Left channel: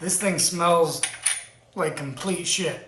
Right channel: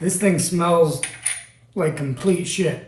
This thing smells like complete shit.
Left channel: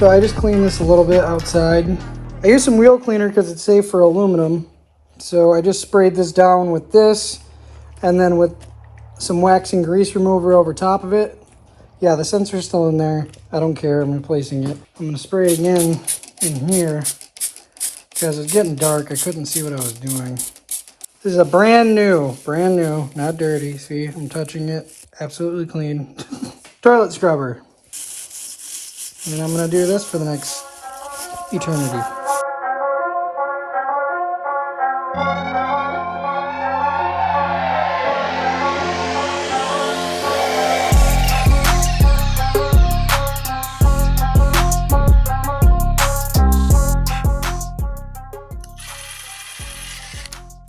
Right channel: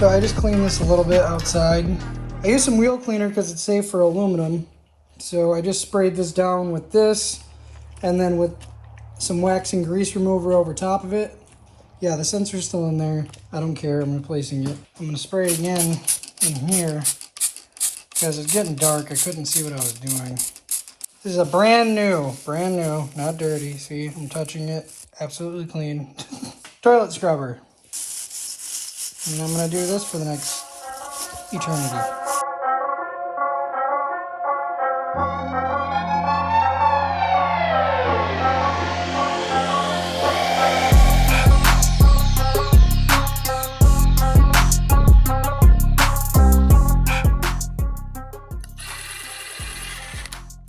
So I just cleaned this a little bit outside. I used some wheel cleaner because it's safe for aluminum. So I just sprayed this down with this and then with some wax and grease remover over top of it. Yeah, the sensor's still in there. I don't care, I'm replacing it. I'm gonna spray it again in here because it's getting dark. I couldn't see what I was doing. This is a brand new, not dirty. See, I'm touching it, absolutely clean. Toilet scrubber. And I'm gonna do this for the next eternity.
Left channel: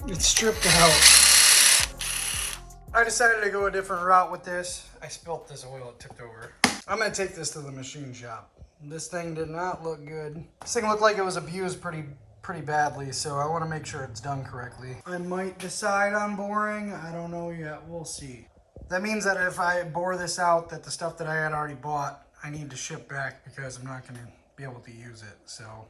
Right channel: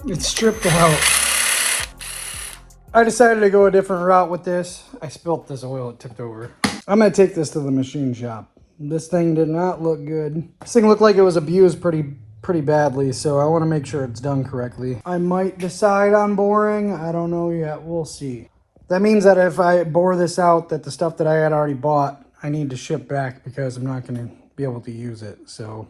It's stripped out. I decided to go a different route with this. I spilt this oil, it tipped over. I'm gonna take this to the machine shop. This thing did not look good. This thing looked like it was abused pretty badly, so I wanna make sure it's done correctly. I might decide on boring, I don't know yet, we'll see. That means that if I bore this out, that the stuff that I had already bought, I need to ship back because I'm not gonna be able to use it, so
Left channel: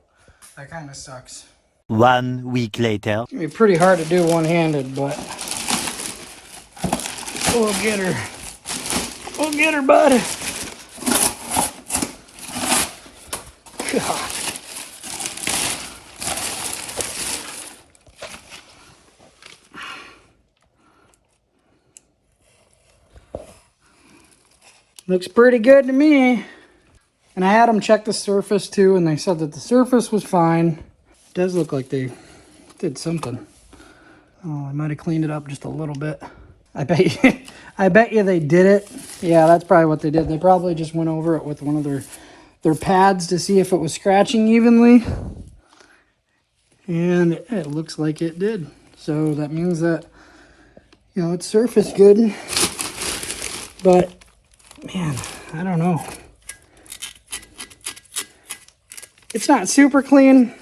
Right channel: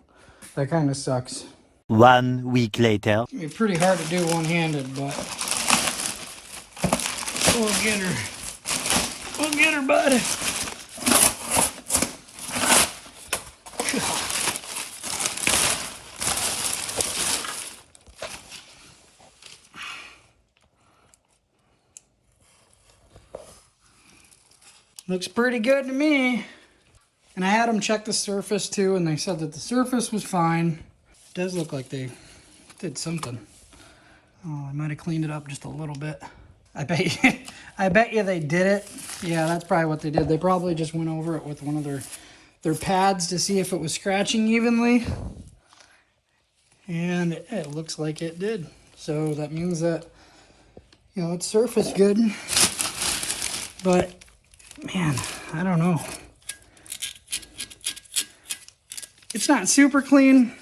that kind of sucks. 1 week later. It's gonna be pretty hard to do one-handed, but we'll get her. We'll get her, bud. God. Looks pretty good to me. And I had them check the surface too, and they said that the surface was fine. It does look like they did something. Oh, I might have cleaned it up just a little bit. I bet you they did it. Yeah, that's probably what they did. They probably just went over it with one of their pads to see if it was scratching evenly. And it looks like it did. So that means that, you know, it's surfaced good. But, man, I don't know. It's not super clean,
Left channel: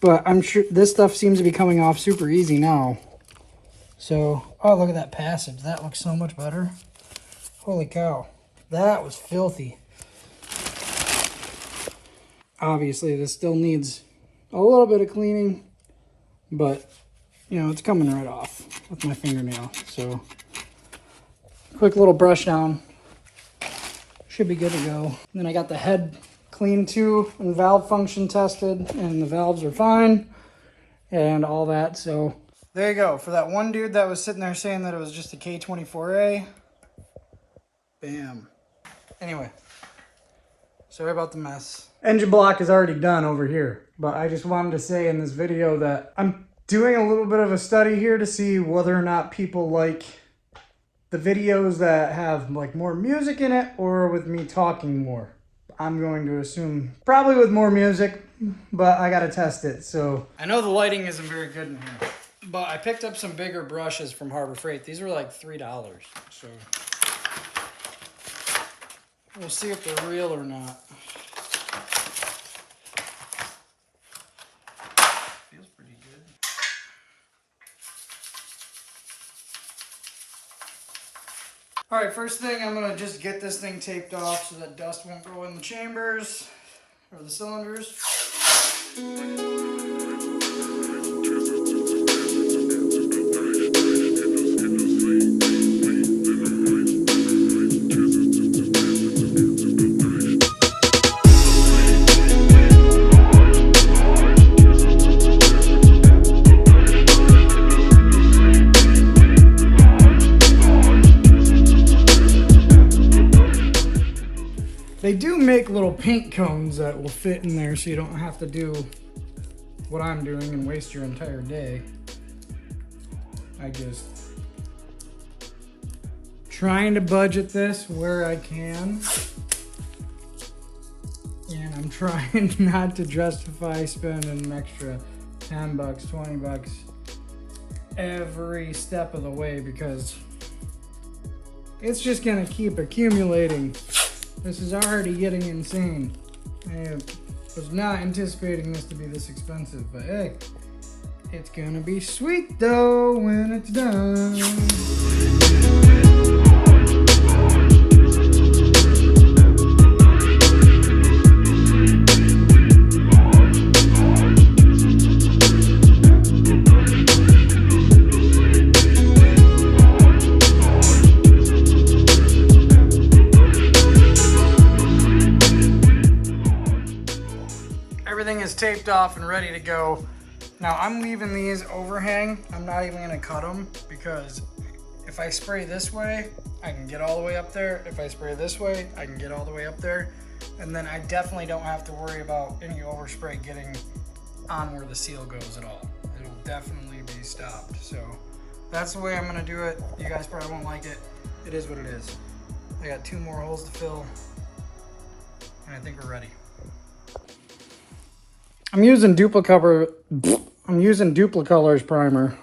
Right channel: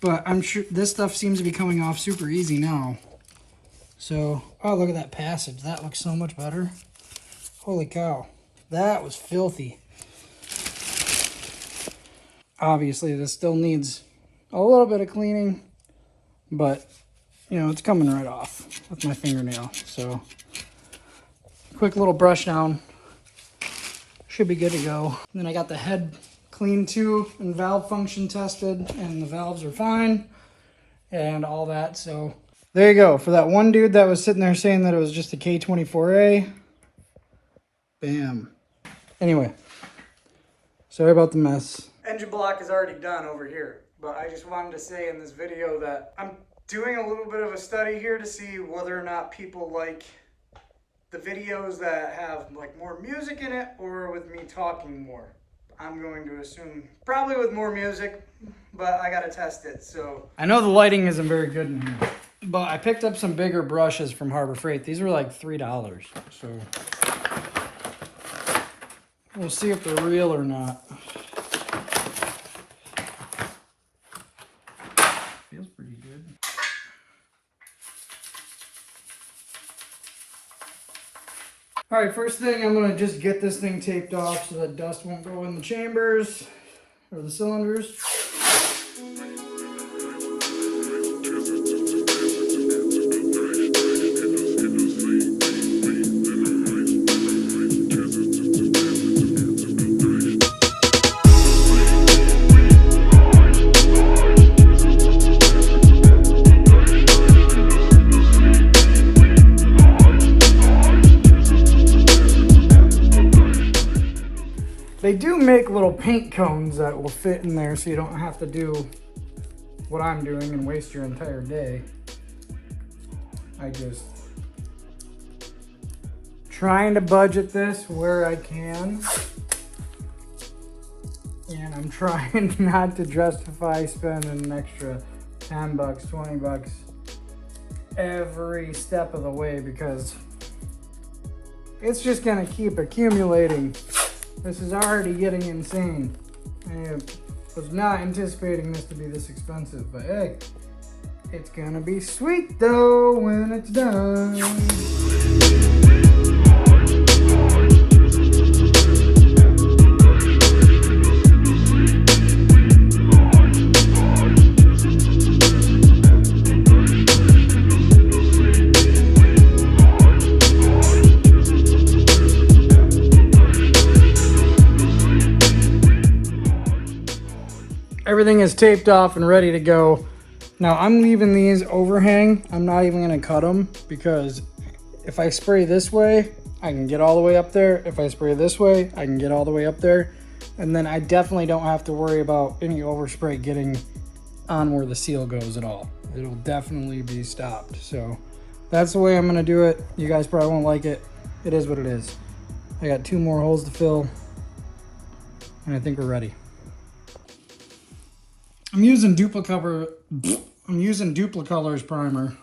but I'm sure this stuff seems to be coming off super easy now. So, oh, look at that passage. That looks so much better. Holy cow. That was filthy. Obviously, this still needs a little bit of cleaning, but, you know, it's coming right off with my fingernail. So, quick little brush down. Should be good to go. And then I got the head cleaned too and valve function tested, and the valves are fine and all that. So, there you go. For that one dude that was sitting there saying that it was just a K24A. Bam. Anyway, sorry about the mess. Engine block is already done over here, but I just wanted to say in this video that I'm doing a little bit of a study here to see whether or not people like the videos that have like more music in it or with me talking more. I'm going to assume probably with more music, but I gotta test it. So I know the lighting isn't very good in here, but I picked up some bigger brushes from Harbor Freight. These were like $3. So we'll see if they're real or not. Feels pretty good. All right, first thing, I'm gonna just get this thing taped off so that dust won't go in the chambers or the cylinders. do make little paint cones that will fit in there so you don't have to do what I'm doing and waste your entire day. I just trying to budget this where I can. And I'm trying not to justify spending an extra 10 bucks, 20 bucks every step of the way because it's just gonna keep accumulating. This is already getting insane. I was not anticipating this to be this expensive, but hey, it's gonna be sweet though when it's done. Everything is taped off and ready to go. Now I'm leaving these overhang. I'm not even gonna cut them because if I spray this way, I can get all the way up there. If I spray this way, I can get all the way up there. And then I definitely don't have to worry about any overspray getting on where the seal goes at all. It'll definitely be stopped. So that's the way I'm gonna do it. You guys probably won't like it. It is what it is. I got 2 more holes to fill and I think we're ready. I'm using Duplicolor's primer,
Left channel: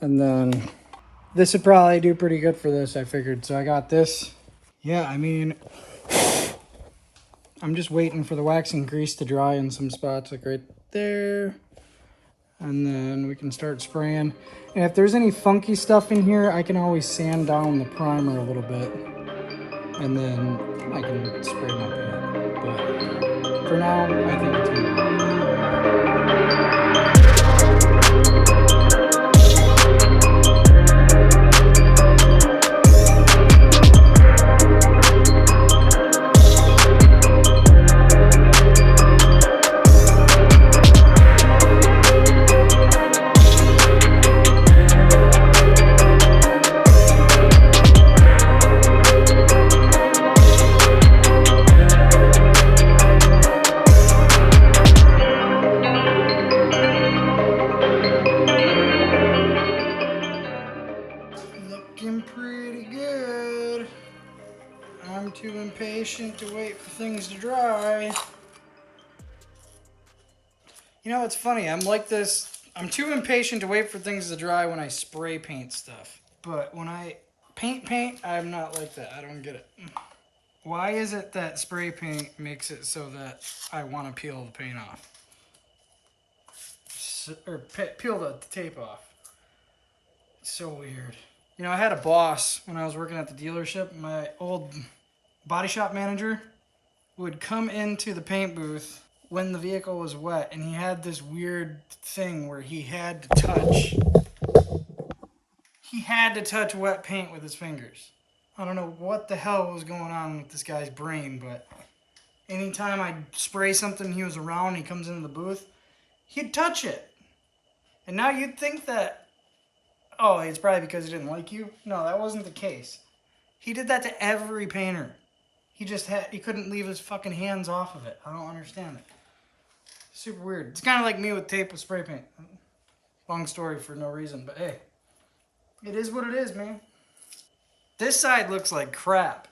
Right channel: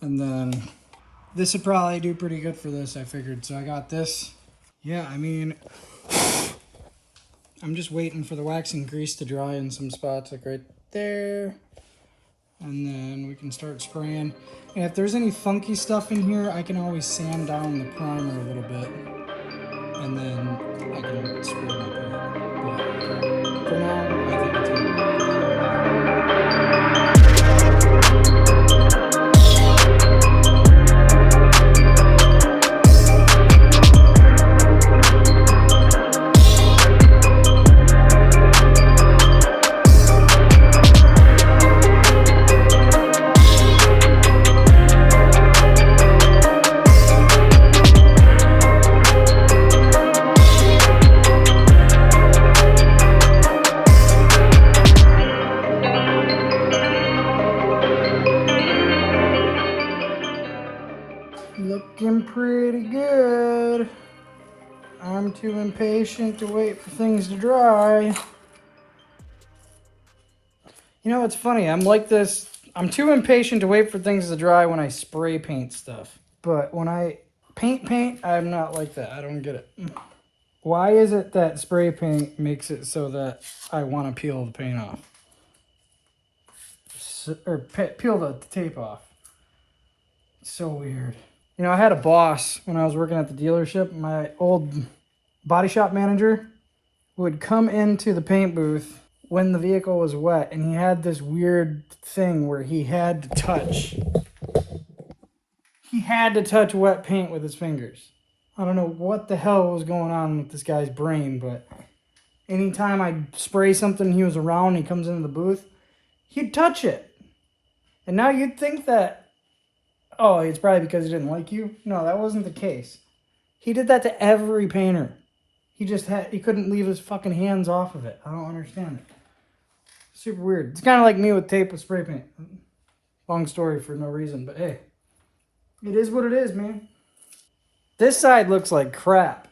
and then this would probably do pretty good for this, I figured. So I got this. Yeah, I mean, I'm just waiting for the waxing grease to dry in some spots, like right there. And then we can start spraying. And if there's any funky stuff in here, I can always sand down the primer a little bit. And then I can spray my paint. But for now, I think it's gonna be. Looking pretty good. I'm too impatient to wait for things to dry. You know, it's funny. I'm like this. I'm too impatient to wait for things to dry when I spray paint stuff. But when I paint, I'm not like that. I don't get it. Why is it that spray paint makes it so that I want to peel the paint off? Or peel the tape off. It's so weird. You know, I had a boss when I was working at the dealership. My old body shop manager would come into the paint booth when the vehicle was wet, and he had this weird thing where he had to touch wet paint with his fingers. I don't know what the hell was going on with this guy's brain, but anytime I'd spray something he was around, he comes into the booth, he'd touch it. And now you'd think that, oh, it's probably because he didn't like you. No, that wasn't the case. He did that to every painter. He couldn't leave his fucking hands off of it. I don't understand it. Super weird. It's kind of like me with tape with spray paint. Long story for no reason, but hey, it is what it is, man. This side looks like crap.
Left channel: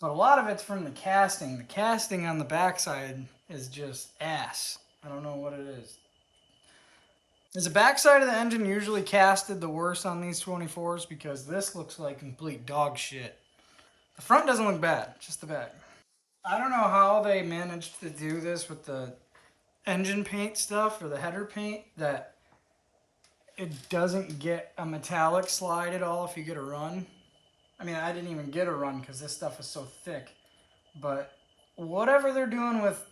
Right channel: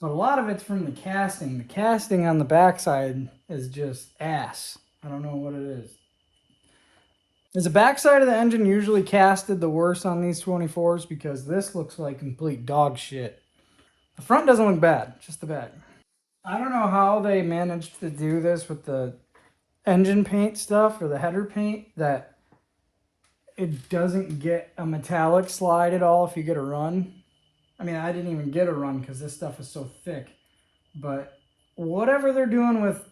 But a lot of it's from the casting. The casting on the backside is just ass. I don't know what it is. Is the backside of the engine usually casted the worst on these 24s? Because this looks like complete dog shit. The front doesn't look bad, just the back. I don't know how they managed to do this with the engine paint stuff or the header paint, that it doesn't get a metallic slide at all if you get a run. I mean, I didn't even get a run because this stuff is so thick. But whatever they're doing with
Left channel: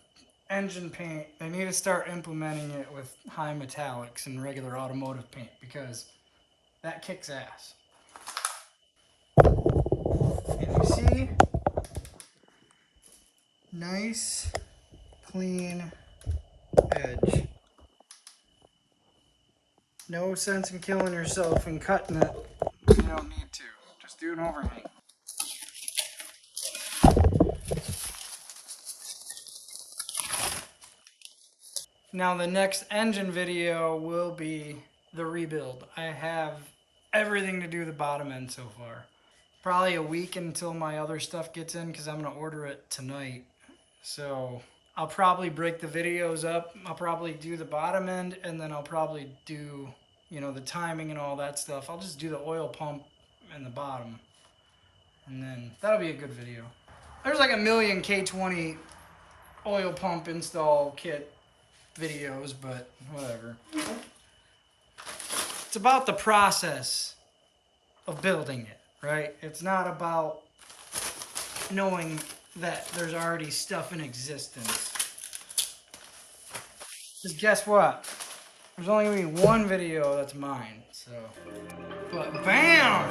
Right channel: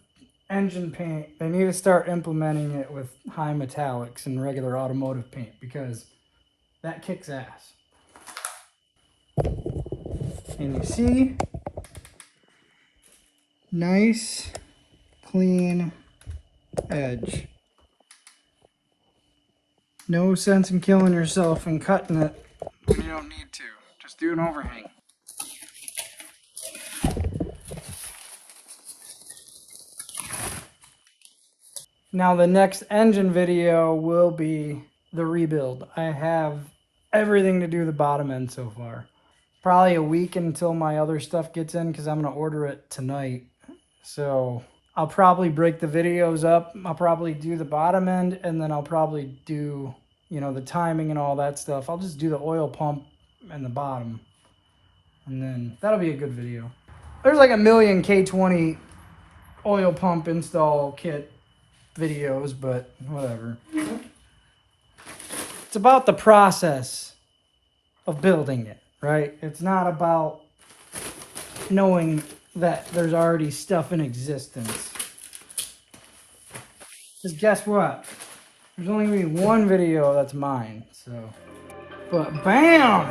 engine paint, they need to start implementing it with high metallics and regular automotive paint, because that kicks ass. And you see, nice, clean edge. No sense in killing yourself and cutting it. You don't need to. Just do an overhang. Now the next engine video will be the rebuild. I have everything to do the bottom end so far. Probably a week until my other stuff gets in because I'm going to order it tonight. So I'll probably break the videos up. I'll probably do the bottom end and then I'll probably do, you know, the timing and all that stuff. I'll just do the oil pump and the bottom. And then that'll be a good video. There's like a million K20 oil pump install kit videos, but whatever. It's about the process of building it, right? It's not about knowing that there's already stuff in existence. Because guess what? There's only gonna be one video that's mine, so. But bam!